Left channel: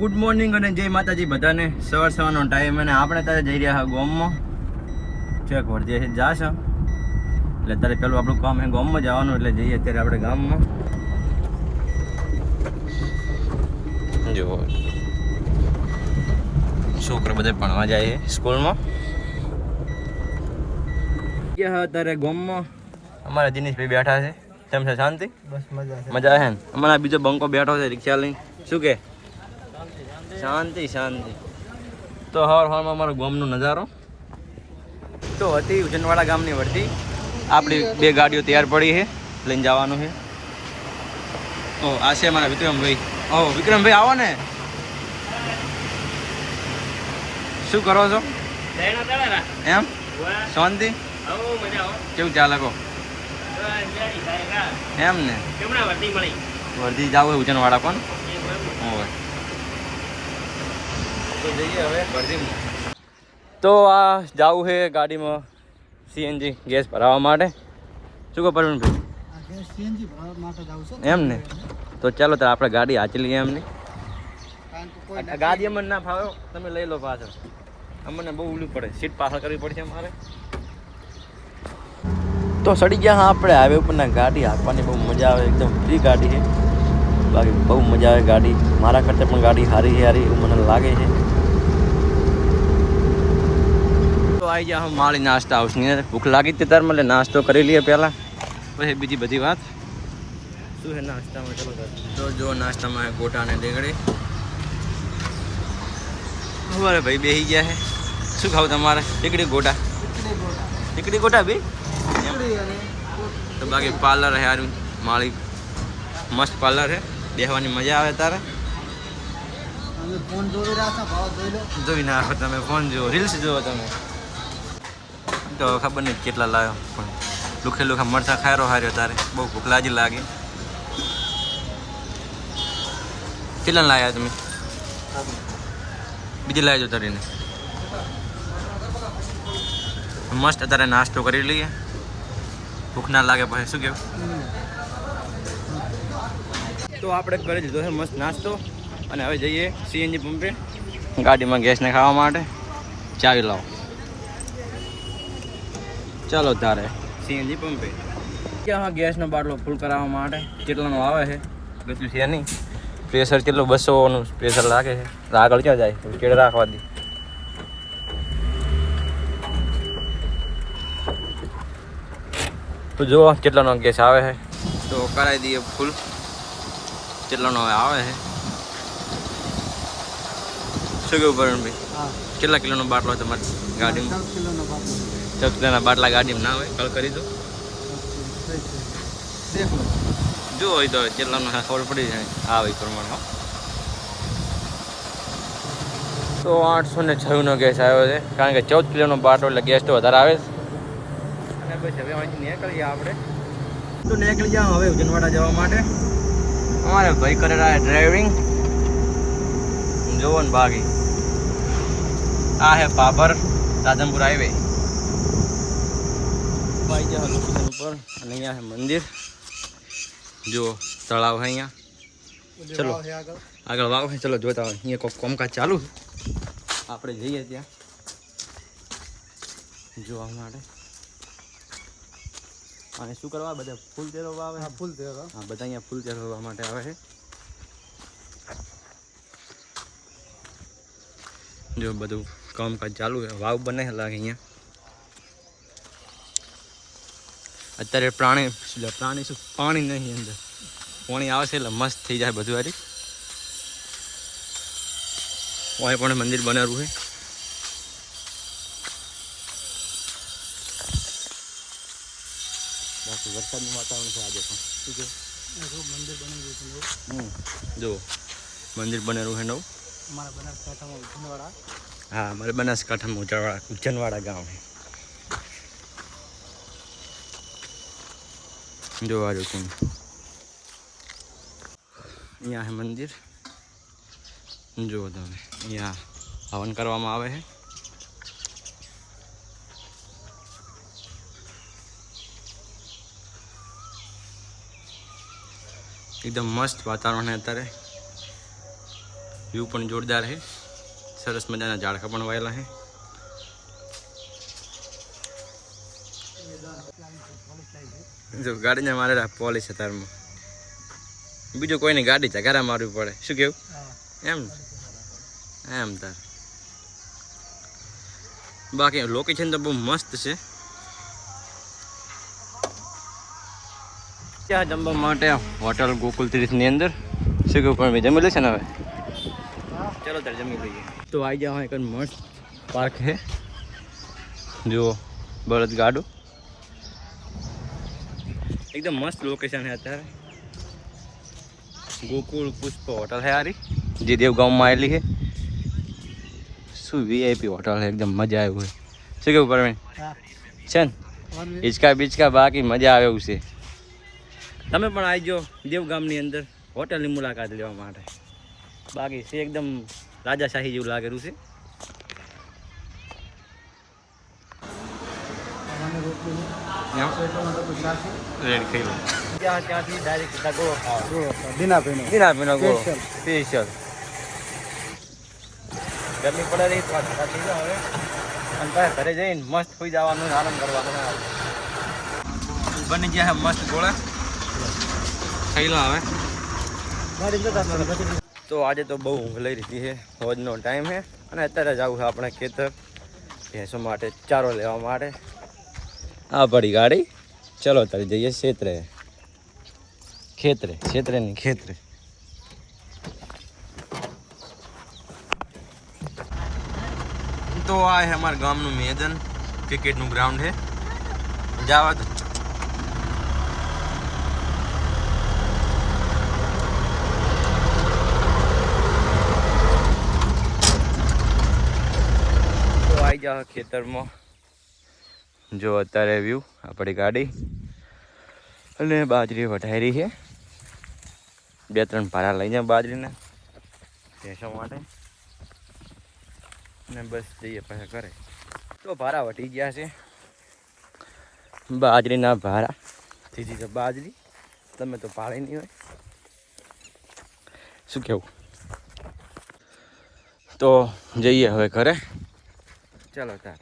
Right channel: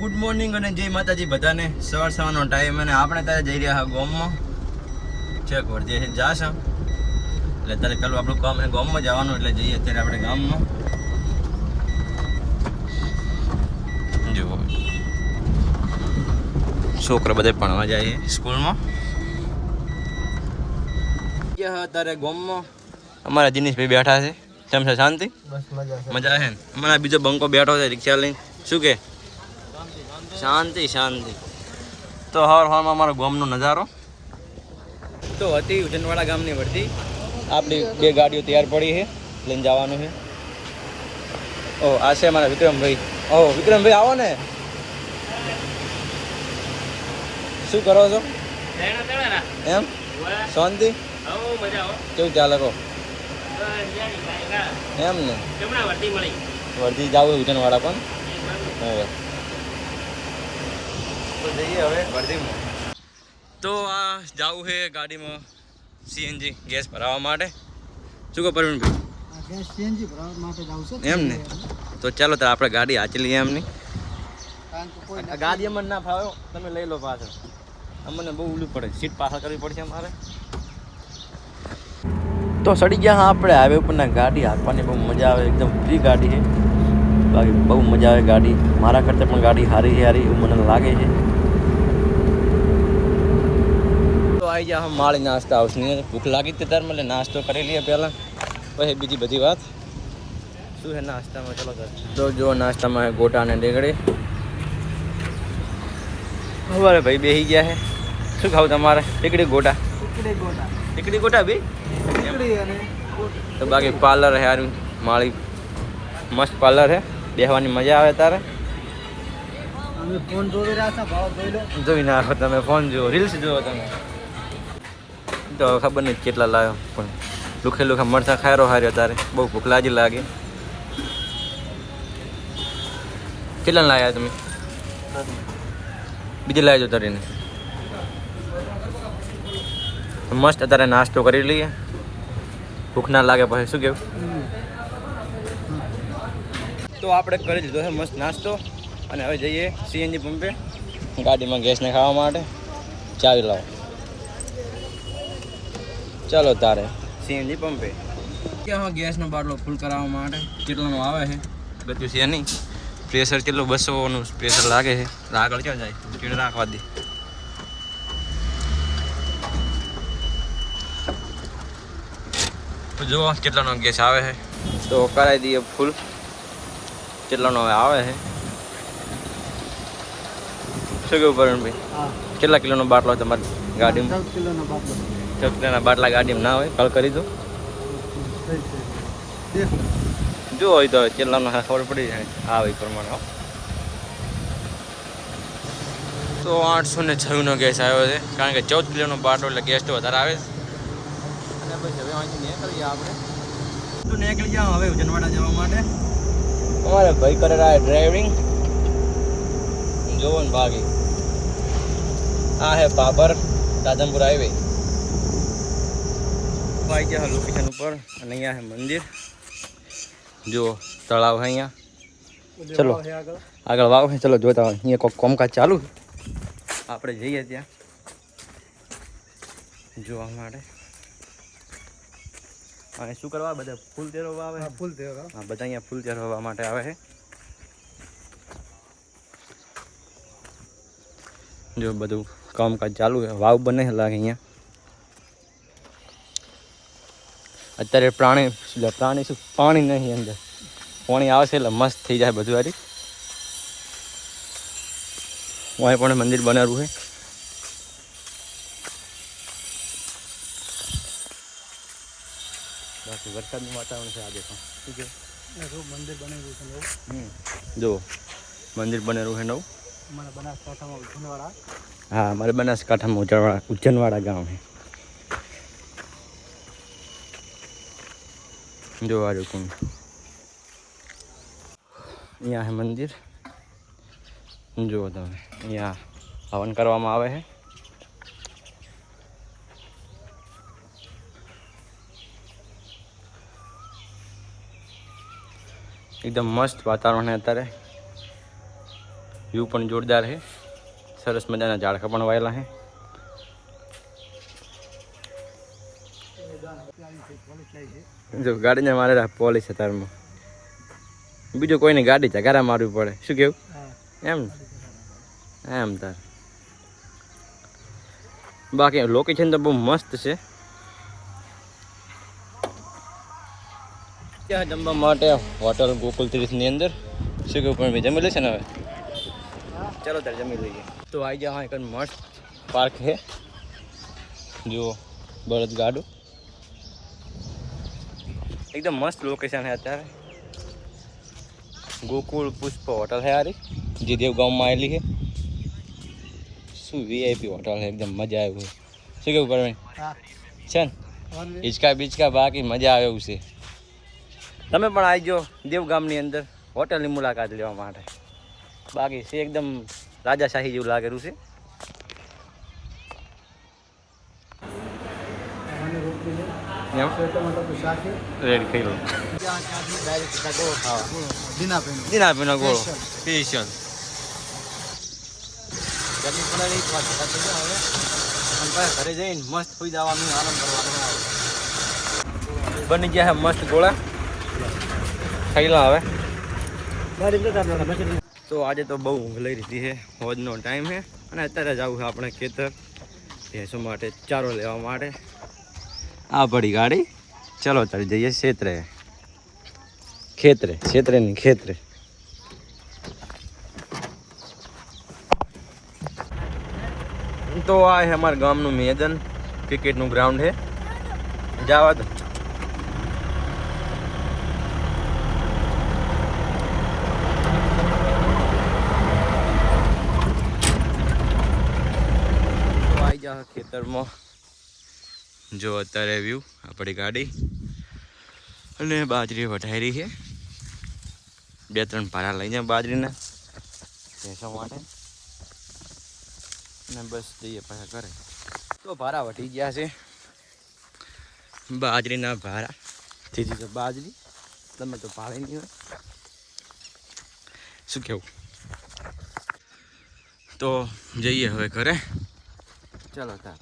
Good morning અને જય માતાજી બધાને. સવારનો ટાઈમ અને આપણે ત્યારે જઈ રહ્યા હા ગામમાં. ચેક વર્ધી જાશ એટલે ત્યારે પેલું આપણું કામ એ ગામમાં જવાનું એટલે જઈએ અત્યારે આપણે ગામમાં. જો છોકરા બધા ભણવા જાય સ્કૂલમાં. અત્યારે ગામમાં અમારા દિનેશભાઈ બેઠા છે. કેમ છે? શાંતિ? મજા આવે ને? અમારા બીજો બંકો બેઠો છે રિક્ષા લઈને. શું કે? શાંતિ શાંતિ. તો હવામાં અમારો ગામનો નજારો તો હતી ઉજનવાડા ગામની વર્ધી. આપણી બે ગાડીઓ તૈયાર પડી છે, લઈને જવાનું છે. ઓહ આ છે મારા વિક્રમભાઈ. ઓહ વિક્રમભાઈ આવો ને. શું કરો છો? એમ શાંતિ? કેવું ચાલે કહો? એમ ને વર્ધી જવું છે ઉજનવાડા પણ. હોય તો જઈએ હવે વર્ધીમાં. તો આ જવું છે ગાડીમાં સીએનજી ગેસ ભરાવવા માટે. શું કહો પરવીનભાઈ? એમ ને તો ચાલો તો આપણે ગાડી હાચી લઈએ. એમની ગાડી અમને ના ફાવ્યો તમે લઈ લો પાછળ. અમને બહુ ઉલી પડે, સીટ પાછળ કરવી પડશે અમારે. તો સડી ગયા હા આપણે હાઈવે ઉપરના. ગાડી હાંકવાની બહુ મજા આવે, એકદમ ફ્રી ગાડી છે. બાકી બહુ મજા આવે ગાડી. મારા કરતાં પણ ગાડી સારી સારી એવું મને લાગે છે. તો આવી ગયા હમ માળી નાસ્તા હાઉસની. ભૂખ લાગી હતી તાર એટલે નાસ્તો કરી લઈએ પહેલાં, પછી બીજી બધી વાત. શું છે નાસ્તામાં? ચલો તો જો નાસ્તામાં ગોટા અને ડેગડી. હવે ભાઈ બેસી ગયા છે. શું ખાવું તમારે? ટીકડી ગોટા? ટીકડી ગોટા બી. તો બાકી પાર્લર છે યાર માળી, મસ્ત પાર્લર છે, બેસવાની મજા આવે. તારે જોઈ નાખો તમે, ફોન જુઓ, રીલ્સ જુઓ તમે. તો ખબર નહીં કેટલા લાવ્યો, પણ લુખે લુખા મરચા ખાયરો હાર્યો. તારે બહુ ભૂખ લાગે. કેટલા લાવ્યા તમે? બીજી લાવજો તારીને. મસ્ત અત્યારે નાસ્તો કરી લઈએ, ભૂખ ના લાગે પછી. શું કેવું? તો આપણે કરી દીધો છે મસ્ત નાસ્તો અને હવે જઈએ સીએનજી પંપે ગાડીમાં ગેસને ખાવા માટે. ચાવી લાવો. ચાલો તારે સીએનજી પંપે ક્યાં ગેસનો બાટલો ફૂલ કરાવવા માટે. કેટલાનો આવે છે બધું છે નહીં. પ્રેશર કેટલું? 200નું પ્રેશર લાગે છે. આગળ ક્યાં જાય? કેળે રાખવા દે. તો જુઓ કેટલાનો ગેસ આવે છે, તો કરાવી દઈએ ફૂલ. કેટલાનો આવે છે? શું કેવું પરણભાઈ? કેટલા કિલોનો બાટલો તમારી ગાડીમાં? 14 કિલોના બાટલા ગાડીમાં ના હોય. કલ કરી દો જો હોય તો કેટલાનો ખબર પડી જાય આવે એ પ્રમાણે. તો 806નો ગેસ આવ્યો છે, કારણ કે 14 કિલોનો બાટલો એટલે ગેસ તો વધારે આવે. અને પછી હવે અહીંથી નીકળીએ આપણે. તો નીકળી જાઓ હવે ઉજનવાડા જવા માટે. અમારે ભાઈ કરે રહ્યા ડ્રાઇવિંગ. જોવો ને બાકી આ હે પાબર રાધનપુર હાઈવે. આવી ગયા લોકેશન ઉપર અને અહીંયા છે મંદિર. જો તળાવ છે અહીંયા. ચલો આગળ વાવ છે. ચલો જોતા હોય અહીંયા કોઈ કામકાજ ચાલુ. આપણે જઈએ ત્યાં જોવા માટે. અને શું કરવા? બધા ફૂલ તેરવા આવે. ફૂલ તેરવા. હા, બધા અહીંયા ફૂલ તેરવા માટે આવે છે. જો બધું કામકાજ ચાલુ છે. વાવ બને લાગે અહીંયા. અત્યારે પ્રાણી શું પાણી નહીં અંદર, પાણી આવશે એટલે મસ્ત થઈ જાય બધું. હારી અહીં પણ મંદિર બનાવ્યું છે. બાકી વરસાદનું વાતાવરણ છે આજે પણ. શું કે મંદિર બનેલું છે નવું? જો મંદિર બનેલું છે નવું. હા, મારે બનાસકાંઠામાં ઉજ્જનવાડા ગામ છે. જોવા જો કોણ અહીંયા છે મંદિર. જુઓ તમે અહીંયા હવન કરવામાં આવે છે. એકદમ મસ્ત વાતાવરણ છે અત્યારે. વ્યૂ પણ જોરદાર છે, સરસ મજાના ઝાડખા પણ વાયેલા છે. જો ગાડીને મારેલા પોલીસ અત્યારમાં, બીજું કોઈની ગાડી ચગારા મારવી પડે. શું કેવું? એમ એમ તાર બાકી લોકેશન તો બહુ મસ્ત છે. ત્યાં જમવા માટે હોટલ ગોકુલ 30 ની અંદર. શું કેવું? પણ જમી લેશે ને હવે? ચાલો તારે જમી લઈએ. તો આવી જાઓ, એક મસ્ત પાર્ક છે. જુઓ બળદ ગાડું, એકદમ મસ્ત લોકેશન છે. અત્યારે ગોકુળ પુષ્પ હોટલ છે હારી, જે દેવગામમાં આવેલી છે. શું વીઆઈપી હોટલ છે, એકદમ મજા આવે હોય. શું કેવું પરવીન? છે ને હિચકા બીચકા બાકી મજા આવે એવું છે. તમે પણ આવી જાઓ દેવગામની અંદર હોટલની મુલાકાત લેવા માટે. બાકી છે એકદમ રાજાશાહી જેવું લાગેલું છે. રેડ ખાઈ લો. ત્યાંથી ડાયરેક્ટ ગોળો ખાવા, જીનાપીનો ગોળો સ્પેશિયલ. ગરમી પડે રહી હવે, અને પાછા ઘરે જઈને મસ્ત સુઈ જવાનું, આરામ કરવાનો. બની ગયા છે મસ્ત ગોળા, ખાઈ લો હવે. તો આજે તો બહુ ઊંઘ લઈ રહી છે, હોજનો ટાઈમ છે, અને અત્યારે જવું છે આપણે ખેતર ભેંસો માટે ચારો લેવા માટે. આ પડી ગાડી, ચલો તારે જઈએ ખેતરે ની ખેતરે. તો આ છે અમારા ગામનું મેદાન, ક્રિકેટનું ગ્રાઉન્ડ છે. જવા દો. આવી જાવ ખેતરમાં. જો અત્યારે વ્યૂ આપણી ગાડી, અને બાજરી વઢાયેલી છે. 2-3 ભારા લઈ જાય બાજરીને ભેંસો માટે, અને બસ જઈએ પાછા ઘરે. તો ભારા વટી ગયા છે, બાજરીના ભારા. જીજી તો બાજરી, તમે તો ભાળી નહીં હોય. શું કેવું? તો જઈએ હવે ઘરે. ચાલો તાર.